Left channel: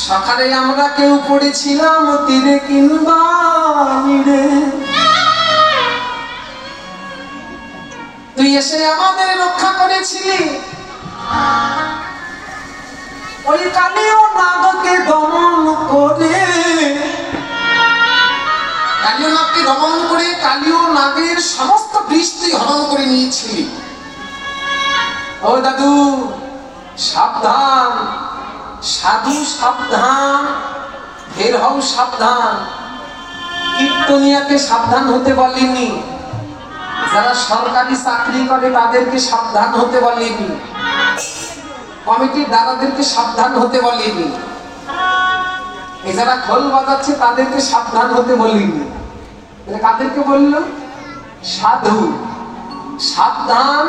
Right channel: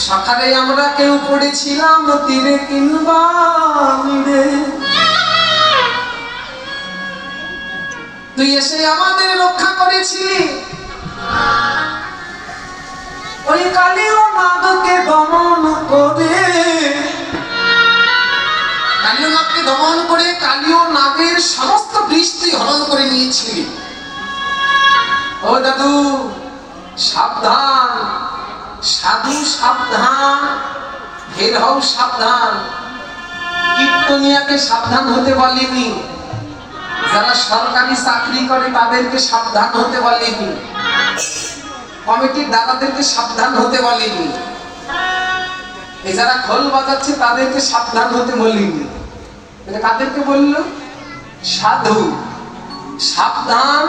সকালে আমরা কেউ পড়েছিলাম তীরে কিংবা মিড়ে, তুই এসে আমাদের রক্ষা করেছিলি। ওই কালীয় নাগকে দমন করে, কালীয় নাগকে দমন করে কালীয় নাগের সমস্ত বৃষ্টি হরণ করে নিয়েছিলি। ও দাদু সাবধান, সাধু সাবধান, ফের হও সাবধান। কীর্তনিয়াকে সাবধান হতে বলেনি, যারা সরকারি চাকরি করে তাদেরকে সাবধান হতে বলেনি, কমিটির দাদাদেরকে সাবধান হতে বলেনি, যারা খোল বাজাচ্ছে তাদেরকে সাবধান হতে বলেনি। কাদেরকে বলল? সাধু সাবধান,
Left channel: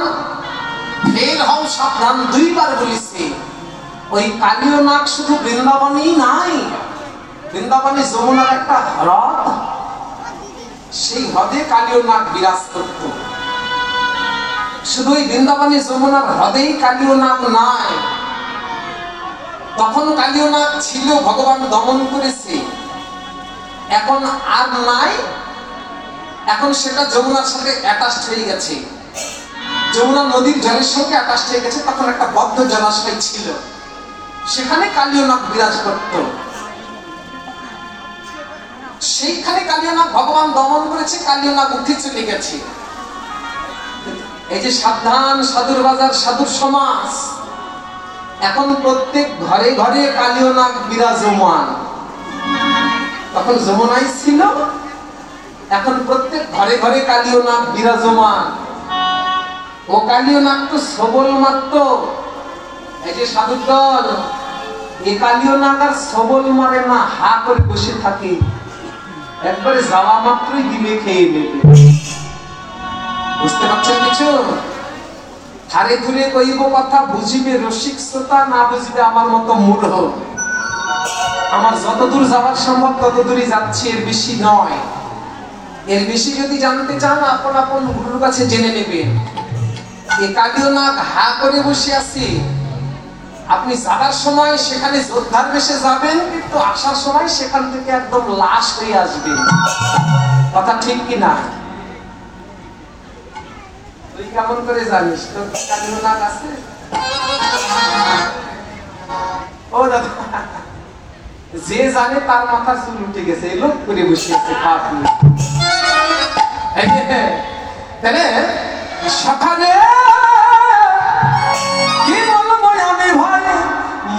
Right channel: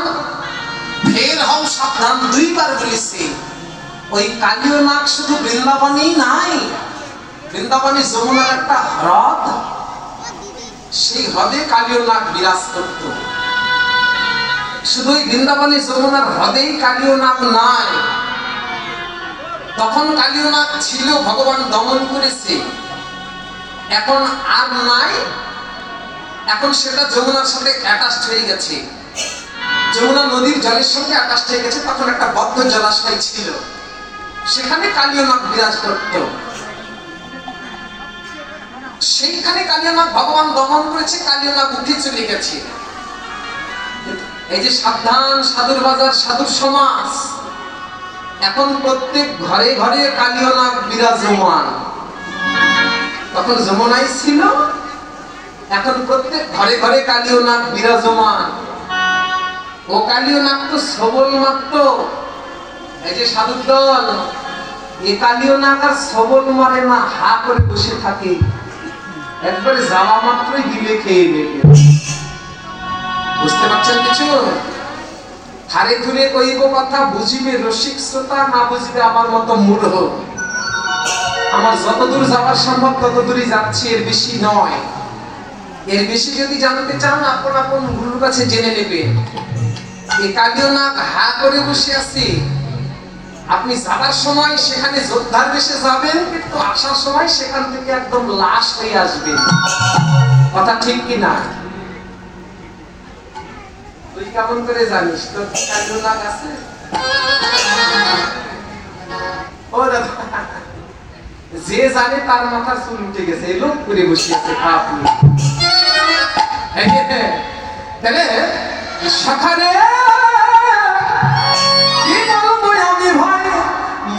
ফের হও সাবধান, দুইবার বলেছে। ওই কালীয় নাগ শুধু বৃন্দাবনেই নাই, বৃন্দাবনে যমুনার একটা হ্রদ, সেই হ্রদে কালীয় নাগ বিরাজ করত। শুধু ওই বৃন্দাবনে যমুনার হ্রদেই কালীয় নাগ নাই, তখন কালীয় নাগ ছিল, ভগবান দমন করেছে, এখন আর নাই। এখন সেটা যমুনার সাথে অ্যাটাচড হয়ে গেছে, যমুনা নদীর জলের সঙ্গে অ্যাটাচড হয়ে গেছে। তখন একটা বদ্ধ জলাশয় ছিল, সেখানে কালীয় নাগ বিরাজ করত। সেইখানে কালীয় নাগ ভগবান দমন করেছে, কালীয় নাগ উঠে চলে গেছে। এই যে সাবধান, সাধুর বাজার, সাধুর সমাজ, এখন প্রত্যেক ঘরে ঘরে কালীয় নাগ বিরাজমান। তখন যমুনাই ছিল, এখন প্রত্যেক ঘরে ঘরে কালীয় নাগ বিরাজমান। ও কালীয় নাগ তো সবল মাত্র, এই যে সাধুর দল, এই কালীয় নাগ আর সবল মারে না, হা করে বসে থাকে, একবারে যাওয়া মাত্রই গিলে খেয়ে নেবে। বুঝতে পারছেন কিছু? হারে ধরে কইব কথা, বুঝিবে রসিক শ্রোতা, না বুঝবে আমার মতো মূঢ়। আমার যতদূর যাওয়ার সম্ভব ততদূরই যাচ্ছি, এর বেশি নয়। এর বেশি যদি জানতে চান আপন আপন গুরুর কাছে জেনে নেবেন। এই কালীয় নাগ হা করে বসে আছে, আপনি যাবার সময় সেখানে যোদ্ধার বেশে যাবেন, কিন্তু আসার সময় সেখান থেকে একদম লাশ হয়ে আসবেন। কথা ঠিক কিনা? তুই কেমন করে জানিস তোর কালীয় নাগ আছে? ও দাদা, যে জানে তার মাথার চুল উঠে গেছে, এই লোক করে বসে আছে। তাহলে সকালে কি বলবো আমি ভাই,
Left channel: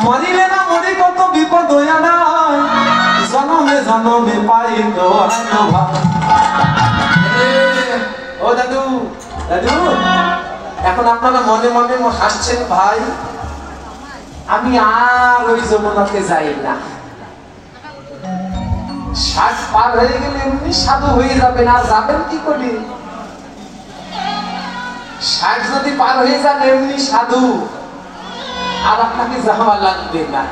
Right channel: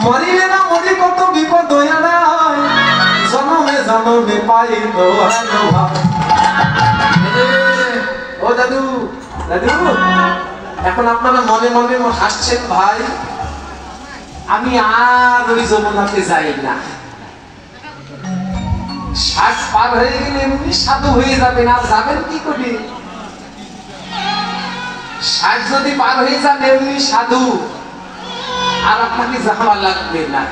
মরিলে না মরি কত বিপদ হয়ে নাই, জনমে জনমে পাই তো ভাই। ও দাদু, দাদু এখন আপনারা মনে মনে হাসছেন ভাই, আমি আর ওই যমুনাতে যাই না। 60 পার হয়ে গেলে এমনি সাধু হয়ে যাবেন, আর যাবেন কি করে? 60 যদি পার হয়ে যান এমনি সাধু, আর আপনাকে যাওয়া লাগবে না,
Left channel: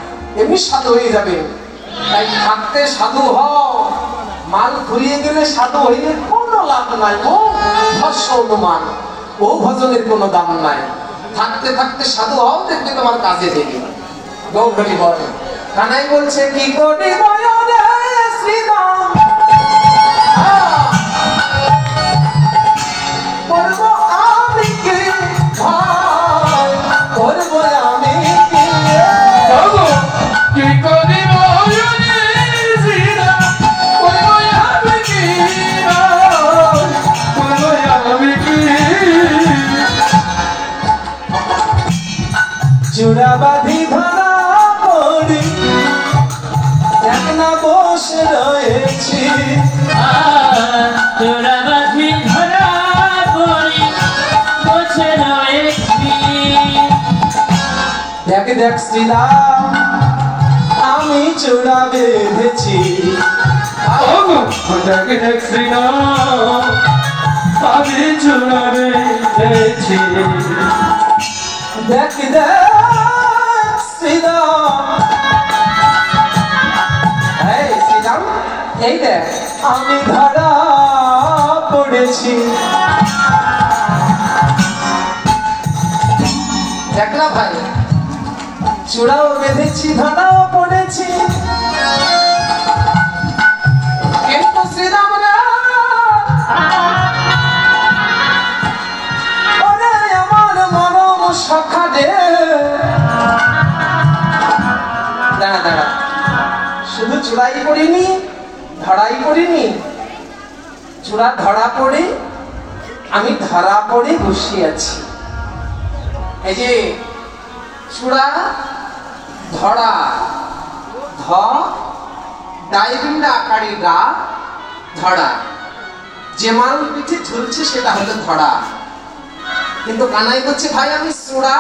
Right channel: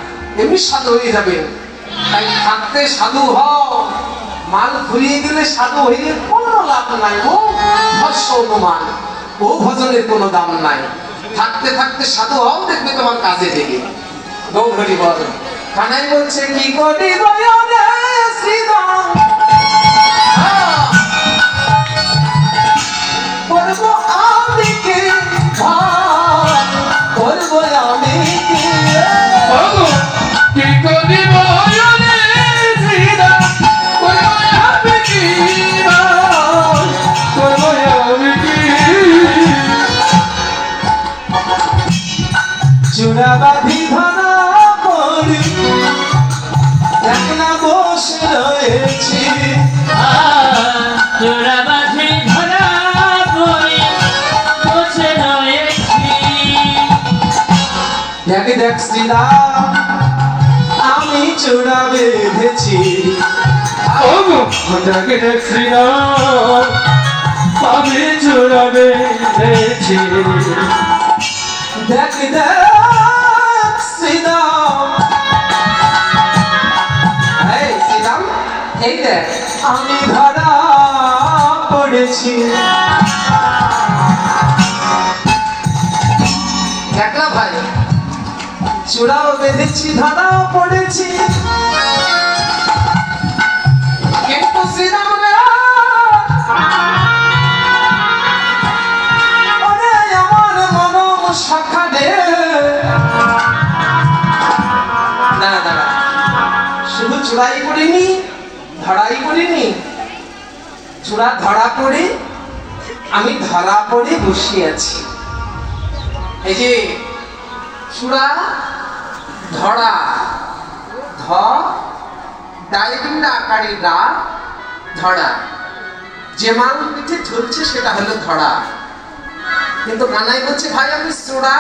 এমনি সাধু হয়ে যাবেন। তাই থাকতে সাধু হও, মাল ঘুরিয়ে গেলে সাধু হইলে কোনো লাভ নাই, ও ভস্য অনুমান, ও ভজনের কোনো দাম নাই। থাকতে থাকতে সাধু হও, দেখবে তোমার কাজে দেবে। গৌরী বল কানাই বলছে কি করি বয়নে শ্রীরাম, করবো আমি কি করবো আমি কি করি বয়নে শ্রীরাম, করবো আমি কি করবো আমি কি। চূড়া বাঁধি ধরা পড়ি, একলা বসে রয়েছি, চূড়া বাঁধি ধরা পড়ি বসে রয়েছি। দেখ দেখ শ্রীরাম, আমি চূড়া বেঁধেছি। দেখ দেখ শ্রীরাম, আমি চূড়া বেঁধেছি। দেখ দেখ শ্রীরাম, এই শ্রীরাম, এই দেখ আমি ধরা পড়েছি। দেখলাম ভাই, চূড়াও বেঁধেছি ধরাও পড়েছি কিন্তু শ্রীরাম রে ওরে আমার মন সখা রে দাঁড়া দাঁড়া শুধু চূড়াই পড়িনি ধরাই পড়িনি চূড়া ধরা পড়ে আমি ধরা পড়ে বসে আছি এই যে চূড়া ধরা ধ ডাইবিন্ডা আকারে ডা ধরা যে মাল পিঠে ঝুলছে সেটা হলো ধরা কিন্তু কানাই বলছে ভাই আমি চূড়া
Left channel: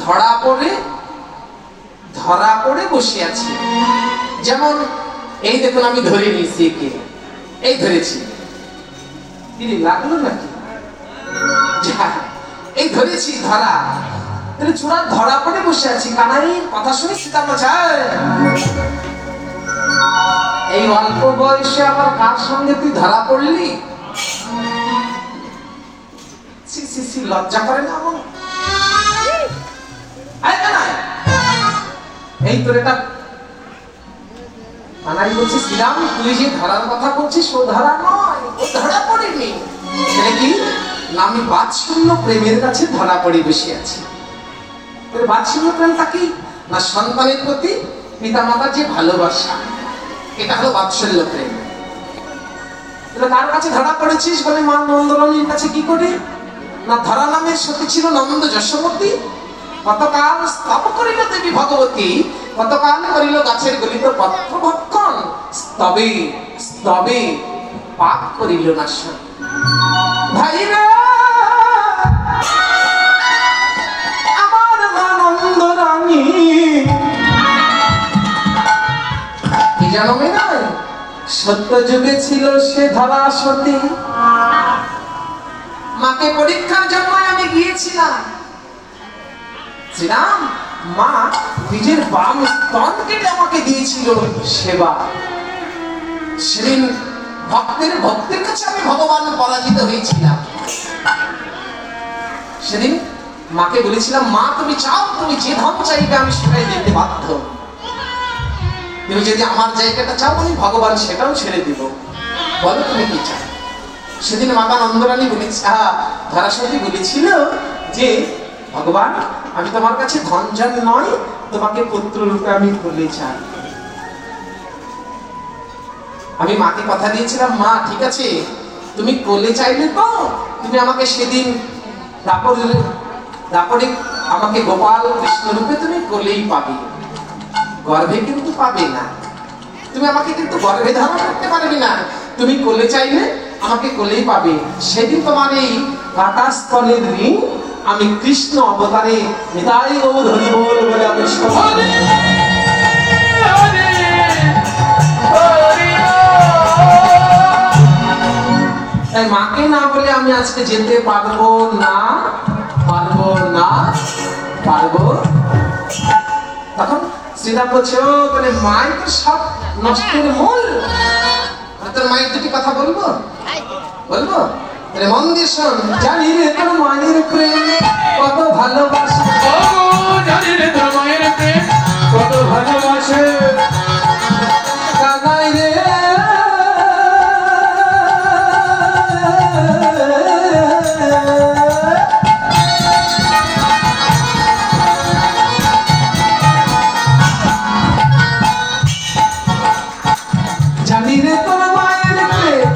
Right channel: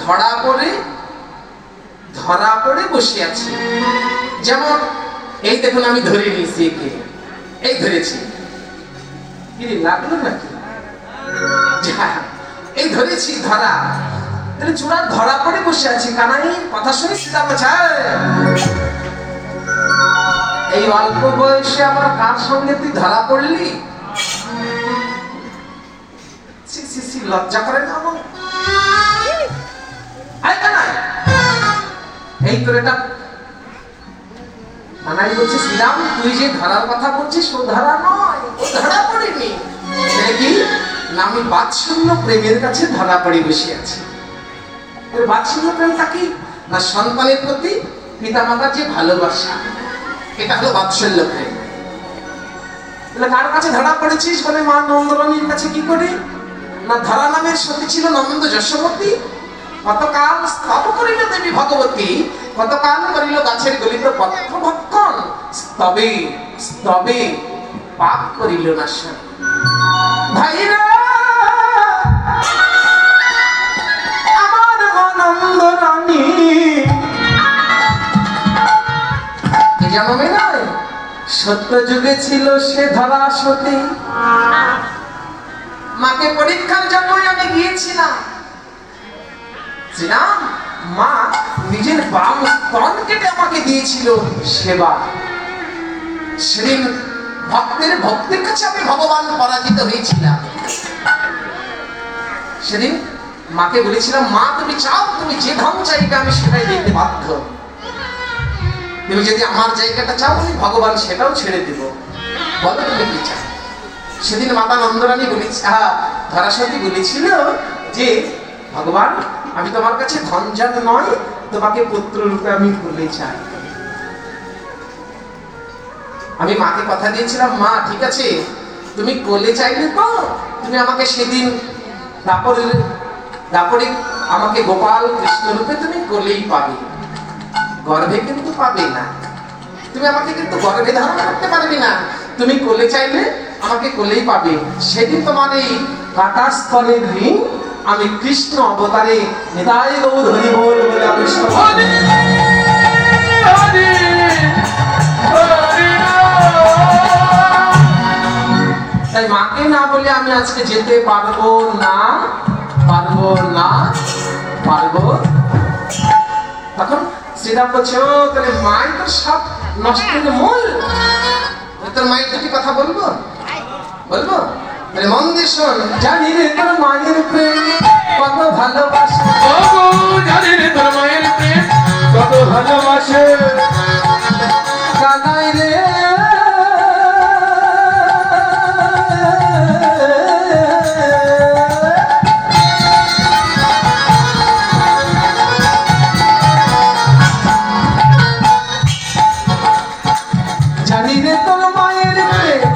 ধরা পড়ে বসে আছি যেমন এই দেখুন আমি ধরে নিয়েছি একে এই ধরেছি কি লাগলো নাকি এই ধরেছি ধরা তাহলে চূড়া ধরা পড়ে বসে আছি কানাই কথা শুনে সীতা বোঝায় এই অল্প বয়সে আবার কার সঙ্গে তুই ধরা পড়লি লজ্জা করে না আমার এই তোর এটা কানাই বলছে শ্রীরাম তুই যে ধরার কথা বলছিস ও ধরা নয় ও ধরা পড়েনি সেটা কি না আমি বাৎসল্য প্রেমের কাছে ধরা পড়ে বসে আছি বাৎসল্য প্রেমটা কি না সন্তানের প্রতি পিতা মাতার যে ভালোবাসা এটা হলো বাৎসল্য প্রেম তাহলে কার কাছে ধরা পড়েছিস বলে মা নন্দরানীর কাছে কি করে না ধরা নামের সতী ছিল নন্দ যশোমতী কতকাল স্তব করিল দেবী ভগবতী কতকাল করিল গাছের গলিত পত্র ভক্ষণ স্তবে পাপ করিল না ভাইরা আমার নন্দরানী কি জানো নয় সত্য যুগে ছিল সে ধরা সতী মাকে পরীক্ষার জন্য আমি গিয়েছিলাম শ্রীরাম মা নিজের বাম স্তন কেটে আমাকে দিয়েছিল সেবা সেদিন ভক্তের কাছে আমি ভগবান পরাজিত হয়েছিলাম সেদিন মাকে বলেছিলাম মা তুমি চাও তুমি যে ধন চাইবে আমি সেটাই দিতে বাধ্য তুমি যদি আমার জায়গাটা চাও আমি ভগবান সেটাও ছেড়ে দিব বলো তুমি কি চাও সেদিন মাতা নন্দরানী ধরাসতী বলেছিল যে ভগবান আমি তোমার কাছে ধনজন নয় তোমাকে পুত্র রূপে আমি ভুলে চাই আমি মাকে কথা দিয়েছিলাম মা ঠিক আছে তুমি কোলে চাইলে তো তুমি আমাকে সেদিন দাপরে আমাকে গোপাল কৃষ্ণ রূপে তুমি কোলেই পাবে গর্ভে কিন্তু পাবে না তুমি আমাকে কিন্তু গর্ভে ধারণ করতে পারবে না তুমি কোলে চাইলে আমাকে কোলেই পাবে সেদিন তোমার এই কাটা স্থলের ঋণ আমি কৃষ্ণ অবতারে নিতাই গৌর হরি বল বলে আমি তাই মাকে না বলে আমি আজকে যেতে পারবো না তখন শ্রীরাম বলছে ও তাহলে মায়ের তো সব নষ্টের মূল তোর মায়ের দুটি কথা বলবো মন দিয়ে শোন জানি রে তোর মায়ের প্রেম কত ভালোবাসে জানি রে তোর মায়ের প্রেম কত ভালোবাসে কানাই রে জানি রে তোর মায়ের প্রেম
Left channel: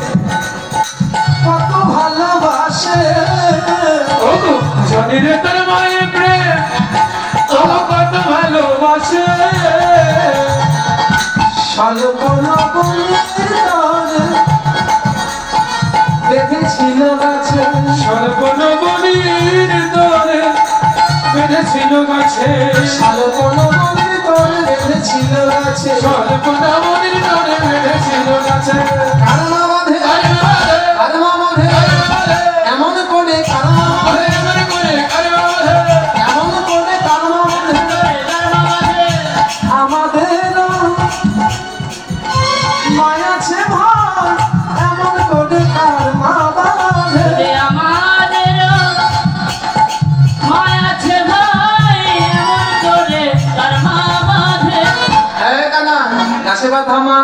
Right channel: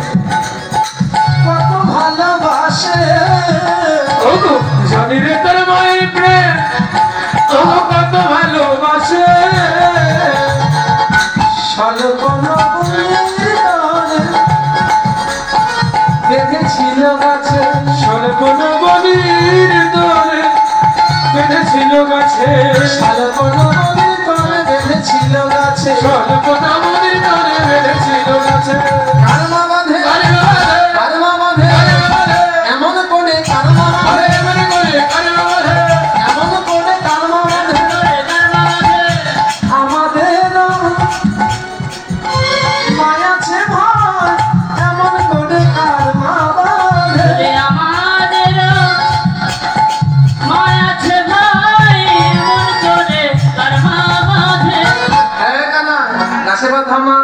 কত ভালোবাসে জানি রে তোর মায়ের প্রেম কত ভালোবাসে শালবন বনের তরে বেঁধেছিল গাছে শালবন বনের তরে বেঁধেছিল গাছে শালবন বনের তরে বেঁধেছিল গাছে শালবন বনের তরে বেঁধেছিল গাছে কারমা বাঁধে এমন করে কারমা বাঁধে আমাদের মায়া আছে ভাই এমন করে কারমা বাঁধে আমাদের মায়া আছে ভাই এমন করে আসে বাধা মা